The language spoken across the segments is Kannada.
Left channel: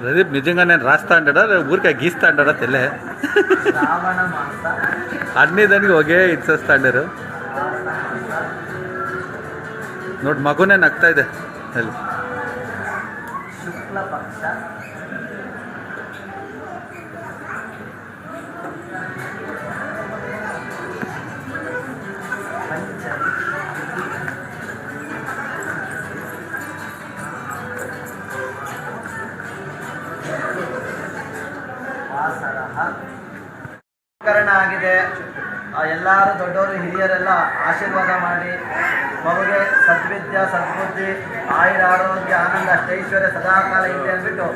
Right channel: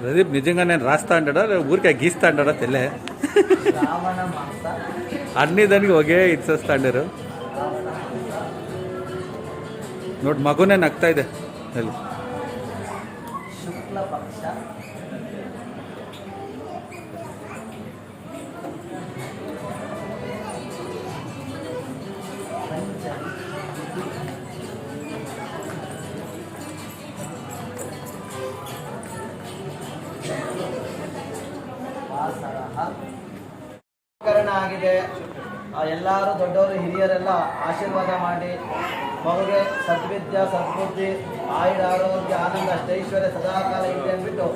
ప్రదీప్ నిజంగా నేను రాస్తా అంటాడా ఊరికే గీస్తా అంటాడా తెల్లే అన్ని దానికి ఒకే ఇచ్చేస్తా ಅಂಡರು ನೋಡಿ ಮಗುನೇ ನಗ್ತಾ ಇದೆ ಅಲ್ಲಿ ಶುಕ್ಲ ಪಕ್ಷ ಆಗಿದೆ. ಎಲ್ಲರೂ ದೊಡ್ಡವರು ಹಿರಿಯರೆಲ್ಲ ಆಶೀರ್ವಾದ ಮಾಡಿ ಮಗುಗೆ ಸದ್ವಿದ್ಯಾ ಸದ್ಬುದ್ಧಿ ಆಯುರ ಆರೋಗ್ಯ ಆನಂದ ಅಷ್ಟೈಶ್ವರ್ಯ ಸದಾಕಾಲ ಇದೆ ಅಂದ್ಬಿಟ್ಟು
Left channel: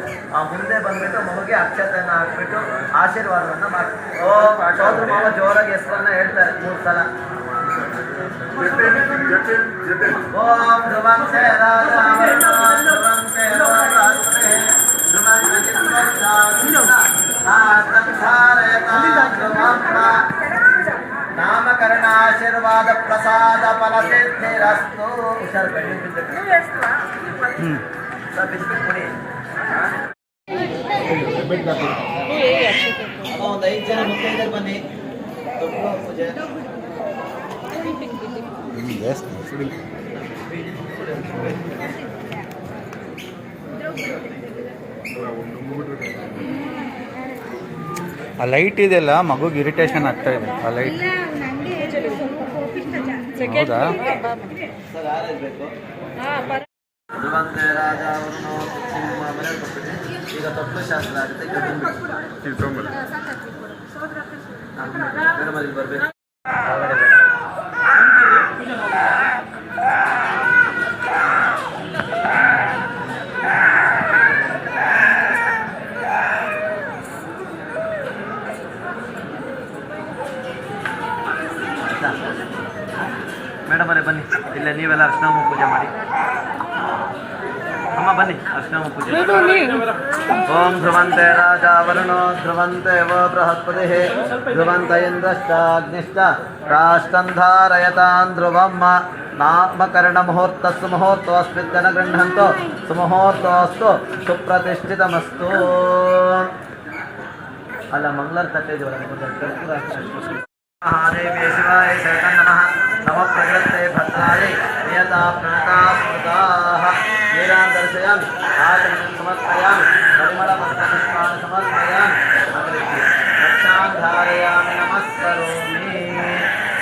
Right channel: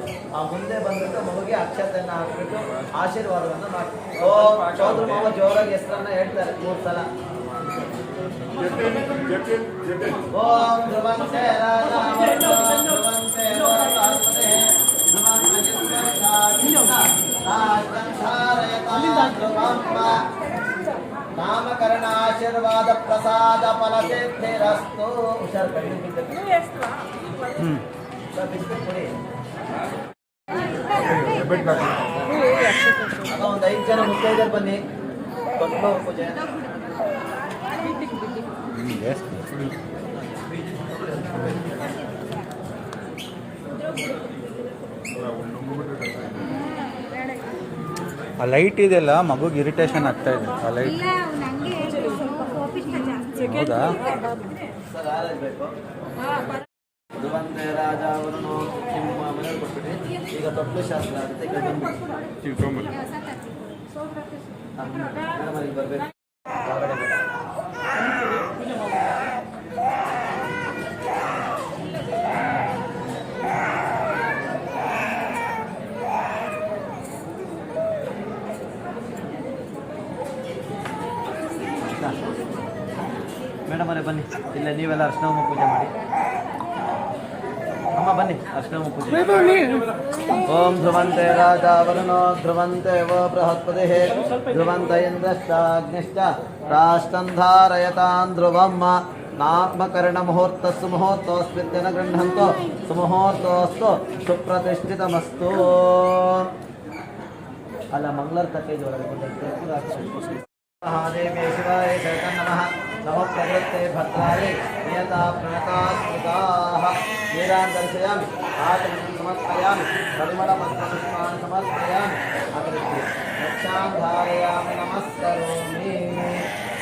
ಮುಂದೆ ಬಂದ್ಬಿಟ್ಟು ಮಗುಗೆ ಅಕ್ಷತೆಯನ್ನು ಹಾಕ್ಬಿಟ್ಟು ಆಶೀರ್ವಾದವನ್ನು ಮಾಡಿ ಸೋದ್ರ ಮಾವ ಜೋರಾಗಿ ಹೆಸರನ್ನ ಹೇಳ್ತಾರೆ 3 ಸಲ. ಓಂ ಧ್ರುವಂತೆ ನಾಮಕರಣಾಶೀರ್ವಾದ ಪ್ರಸಾದ ಫಲ ಸಿದ್ಧಿರಸ್ತು. ಹುಷಾರು ಒಂದು 5 ಜನ ಮುತ್ತೈದೆಯರು ಬನ್ನಿ. ಪೂಜೆ ಆ ಲೈಟ್ ಇದೆಲ್ಲ ಮಗುಗೆ ಇರಿಟೇಷನ್ ಆಗ್ತಾ ಇದೆ. ಆ ಲೈಟ್ ಹೌದಾ? ಧ್ರುವಂತೆ ರಾಜ ಅವರನ್ನು ನಿಮ್ಮ ಮನೆಯಲ್ಲಿ ಕೊಟ್ಬಿಟ್ಟು ಈಗ ತೊಟ್ಲು ಶಾಸ್ತ್ರ ಆಗುತ್ತೆ. ಮೇಡಮ್ ಅಲ್ಲಿ ಬರಬೇಕು. ಮೇಡಮ್ ಅವರೇ ಬನ್ನಿ, ಇಲ್ಲ ನೀವೆಲ್ಲ ಅರ್ಶಿನ ಪೂಜೆ ಮಾಡಿ. ಅಮ್ಮ ಬನ್ನಿ, ಅರ್ಶಿನ ಪೂಜೆ. ಓಂ ಧ್ರುವಂತೆ ರಾಜ ವರುಣೋ ಧ್ರುವಂತೆ ವ ಬೃಹಸ್ಪತಿ ಧ್ರುವಂತ ಇಂದ್ರಶ್ಚಾಗ್ನಿಶ್ಚ ರಾಷ್ಟಂಧಾರಯತಾನ್ ಧ್ರುವಮ್ಮ ನಾಮಕರಣ ಮುಹೂರ್ತಸ್ಸು ಮುಹೂರ್ತೋಸ್ಮಿನ್ ಗೃಹಂತೋ ಸುಮುಹೂರ್ತೋಸ್ತು ಸುಪ್ರತಿಷ್ಠಿತಮಸ್ತು. ಅಲ್ಲ ಮಂಗಳರ ತಟ್ಟೆ ಒಳಗೆ महादेवे शिवाय जगन् नमः नमः प्रकृते भद्राय नियता प्रणता स्मृताः वीरान् दर्शयामि आचमनं समर्पयामि परिमलपत्रपुष्पाणि समर्पयामि अग्रे रक्षां धारयामि नमस्करोमि.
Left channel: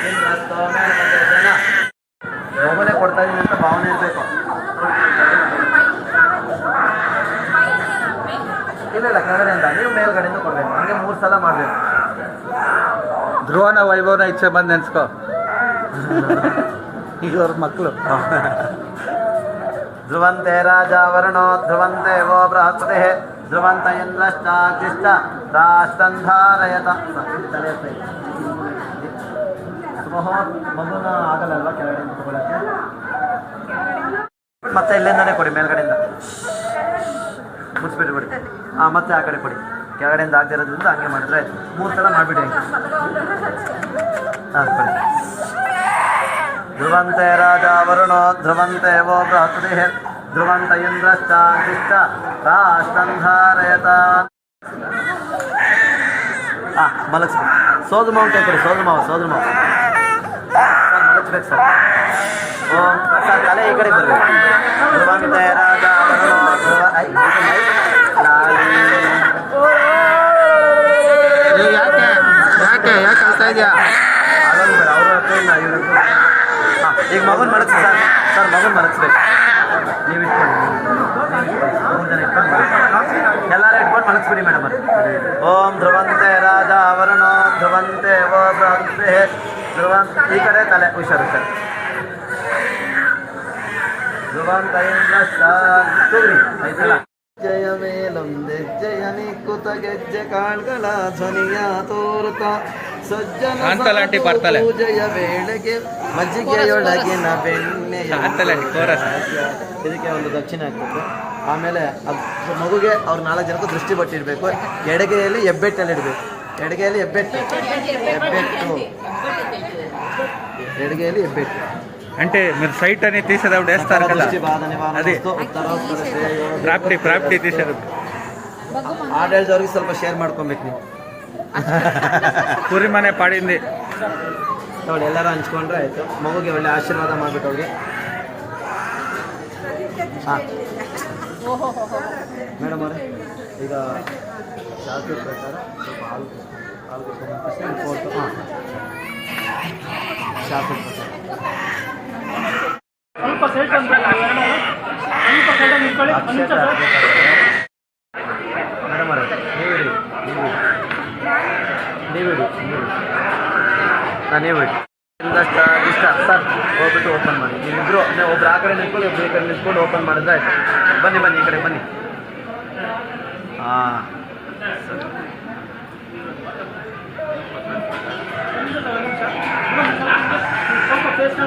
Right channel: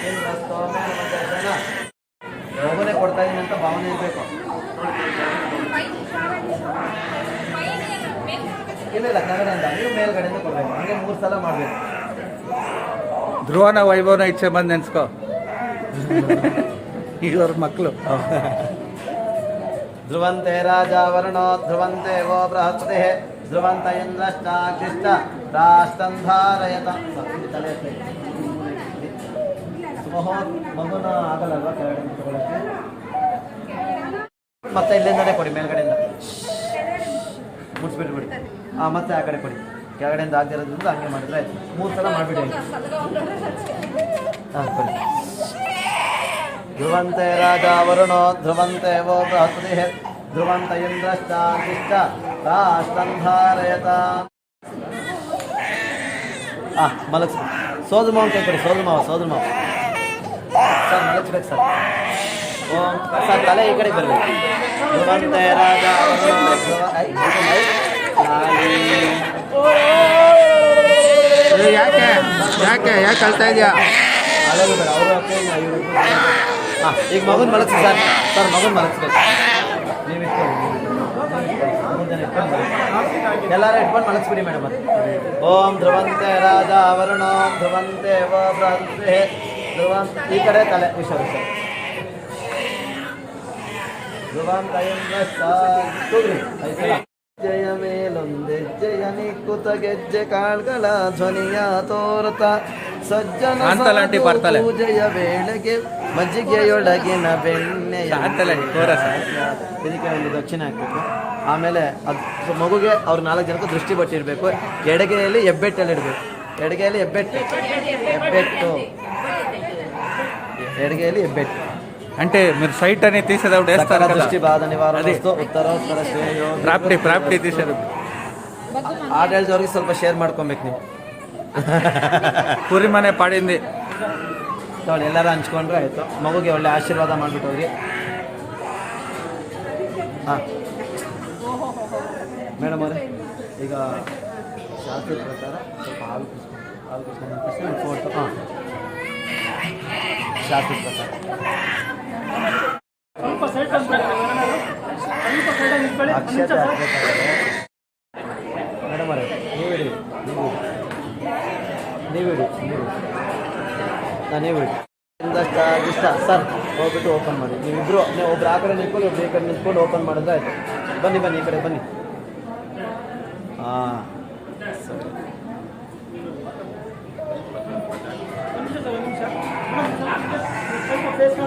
ಇಂದ್ರಸ್ತೋಮೇನ ಜನ ಮಗುನೇ ಕೊಡ್ತಾ ಇದೀನಿ ಅಂತ ಭಾವನೆ ಇರಬೇಕು. ಇಲ್ಲ ಕೆಳಗಡೆಯಿಂದ ನೀವು ಮೇಲ್ಗಡೆಯಿಂದ ಕೊಡಬೇಕು. ಹಾಗೆ 3 ಸಲ ಮಾಡಬೇಕು. ಧ್ರುವನ ವೈಭವನ ಇಚ್ಛೆ ಬಂದು ನೆನ್ಸ್ಕೊ. ಈಗ ಅವ್ರ ಮಕ್ಕಳು ಧ್ರುವಂತೆ ರಾಜ ವರುಣೋ ಧ್ರುವಂತೆ ವೋ ಬೃಹಸ್ಪತಿ ಧ್ರುವಂತ ಇಂದ್ರಶ್ಚಾಗ್ನಿಶ್ಚ ರಾಷ್ಟಂಧಾರಯತ. ಮಗುನ ಆಗಲ್ಲಲ್ವಾ ಕೆಳಗಡೆ ತಗೊಳಕ್ಕೆ? ಮತ್ತೆ ಇಲ್ಲಿಂದನೇ ಕೊಡಿ, ಮೇಲ್ಗಡೆಯಿಂದ ಮುಚ್ಚಿಬಿಟ್ಬಿಡಿ. ಮತ್ತೆ ಆ ಕಡೆ ಕೊಡಿ. ಕೆಳಗಡೆಯಿಂದ ಆಗ್ತಿರೋದ್ರಿಂದ ಹಂಗೆ ಮಾಡಿದ್ರೆ 3 ಸಲ ಮಾಡಿಬಿಡಿ. ಕೊಡಿ. ಧ್ರುವಂತೆ ರಾಜ ವರುಣೋ ಧ್ರುವಂತೆ ವೋ ಬೃಹಸ್ಪತಿ ಧ್ರುವಂತ ಇಂದ್ರಶ್ಚಾಗ್ನಿಶ್ಚ ರಾಷ್ಟಂಧಾರಯತ. ಮಲಗಿಸ್ಬೇಕು. ಸೋದ್ರ ಮಾವ ಅಂತ ಕೊಡಿ. ಸೋದ್ರ ಮಾವ ಸರ್ ಮಲಗಿಸ್ಬೇಕು ಸರ್. ಓಂ ಸರ್ ತಲೆ ಈ ಕಡೆ ಬರಬೇಕು. ಧ್ರುವಂತೆ ರಾಜ ವರುಣೋ ಯಾಕೆ ಯಾಕೆ ಯಾಕೆ ಕಳ್ತಾ ಇದೆಯಾ? ಈಗ ಮಗನ್ ಮಲಗಿಸಿ ಸರ್. ಸರ್ ಮಗನ್ ಮಲಗಿಸ್ಬೇಕು. ನೀವು ಇಟ್ಕೊಂಡು 3 ಜನ ಇಟ್ಕೊಂಡು ಎಲ್ಲರೂ ಇಟ್ಕೊಂಡು ಮಲಗಿಸ್ಬಿಡಿ ಮೇಡಮ್. ಓಂ ಧ್ರುವಂತೆ ರಾಜ ವರುಣೋ ಧ್ರುವಂತೆ ವೋ ಬೃಹಸ್ಪತಿ ಧ್ರುವಂತ ಈ ಕಡೆ ತಲೆ ಹುಷಾರು ಸರ್. ಧ್ರುವಂತ ಇಂದ್ರಶ್ಚಾಗ್ನಿ 5 ಸಲ. ಜಯ ಮೇಲೊಂದೆ ಜಯ ನಿಕ್ಕುತ ಗೆಜ್ಜೆ ಕಾಳ್ಗಳ ಧ್ವನಿಯ ತೋರುತ ಸಜ್ಜನ ಪೂಜೆಯ ವೇಳೆಗೆ ಮಜ್ಜಿಗೆಯೊಳಗಿನ ಬೆಣ್ಣೆಯ ಇದಕ್ಕೆ ಒಂದು ದಕ್ಷಿಣ ಹಾಕ್ಬೇಕು. ಆಮೇಲೆ ಮಗುಗೆ ಅವ್ರ 4 ಜನಕ್ಕೂ ದೃಷ್ಟಿ ಬಟ್ಟಿರ್ಬೇಕು. ಎಡಗೈಯಲ್ಲಿ ಹೆಬ್ಬೆಟ್ಟಲ್ಲಿ ಇಡಬೇಕು. ಎಡಗೈಯಲ್ಲಿ ಹೆಬ್ಬೆಟ್ಟು. ಎಡಗೈಯಲ್ಲಿ ಹೆಬ್ಬೆಟ್ಟು. అంటే మీరు సైట్ అని తీసేటప్పుడు వేస్తారు కదా దృష్టి బాధ నివారణ అదే. ಉತ್ತರೋತ್ತರ ಶ್ರೇಯೋ ಪ್ರಾಪ್ಟಿ తీసేటప్పుడు ಆಡಳಿತದವ್ರಿಗೆ ಸ್ವಲ್ಪ ಶೇರ್ ಮಾಡ್ಕೊಬೇಕು ನೀವು ಕುರಿ ಮನೆ ಪಾಡಿಂది ನೋಡಿ ಎಲ್ಲರೂ ಹಂಚ್ಕೊಂಡ್ರೆ ಆಯಿತು ಮಗುಗೆ ಒಳ್ಳೆ ಆಶೀರ್ವಾದ ಮಾಡಿಬಿಟ್ಟು ಹೋಗ್ರಿ ಹಾಂ ಮೇಡಮ್ ಅವರೇ ಈಗ ಶಾಸ್ತ್ರದ ಪ್ರಕಾರ ಸ್ವಲ್ಪ ಹಾಲು ಶಾಸ್ತ್ರದ ಪ್ರಕಾರ ಮೇಡಮ್ ಅವರೇ ನೀವಿಡಿ ಇಷ್ಟ ಸರ್ ಹೋಗ್ಬಿಟ್ಟು ಓಪನ್ ಮಾಡಿ ನೀವಿಬ್ರು ಒಬ್ರು ಆ ಕಡೆ ನಿಂತ್ಕೊಂಡು ಒಬ್ರು ಈ ಕಡೆ ನಿಂತ್ಕೊಂಡು ಓಪನ್ ಮಾಡಿದ್ರೆ ಆಯ್ತು ಬನ್ನಿ ಈ ಕಡೆ ಬನ್ನಿ ಹಾಂ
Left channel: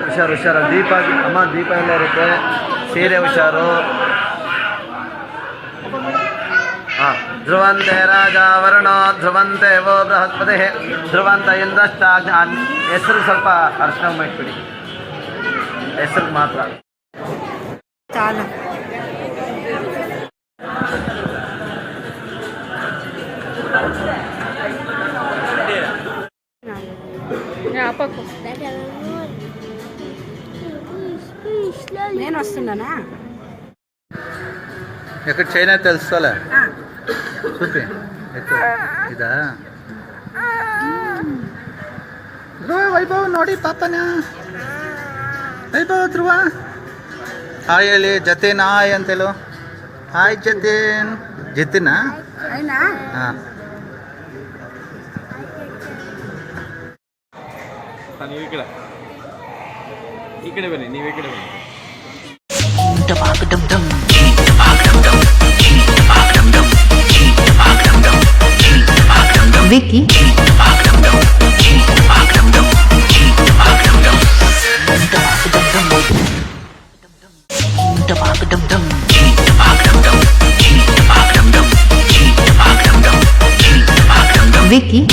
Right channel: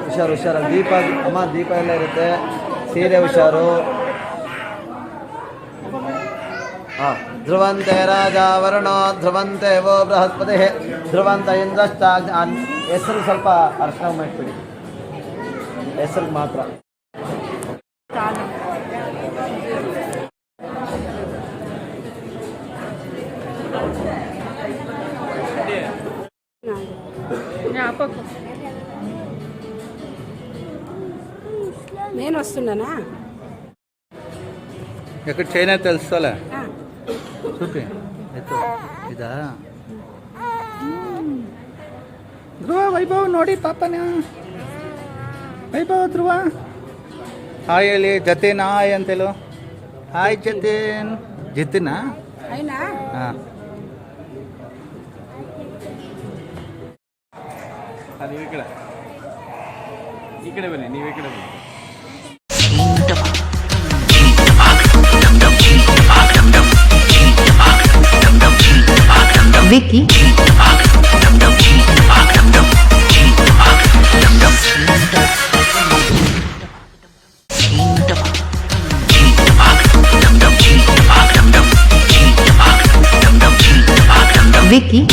ಸರಿ ಹುಷಾರು ದೀಪ ಅಮ್ಮ ದೀಪ ಎಲ್ಲ ಇರುತ್ತೆ ಸೀರೆ ಹುಷಾರು ಹಾಂ ಧ್ರುವಂತೆ ರಾಜ ವರುಣೋ ಧ್ರುವಂತೆ ವೋ ಬೃಹಸ್ಪತಿ ಧ್ರುವಂತ ಇಂದ್ರಷ್ಟ ಹೆಸರು ಸ್ವಲ್ಪ ಅರ್ಶನ ಮಾಡಿಬಿಡಿ ಹೆಸರು ಮಾತ್ರ నేను వస్తున్నానా ఎక్కడ చైనా తెలుసుకోలే చూపి ఇదా ಧ್ರುವ ವೈಭವ್ ನೋಡಿ ಪಾಪನ ವೈಭವ್ ಧ್ರುವ ಹಾಯ್ ಹೇಳಿ ಜತೀನ್ ಹಾಯ್ ಅಂತೇಳು ಹಾಯ್ ಜತೀನಾ అయినా ಹಾಂ ನೀವು ಈ ಕಡೆ ಬನ್ನಿ ನೀವು ಈ ಕಡೆ ಬನ್ನಿ Vicky Vicky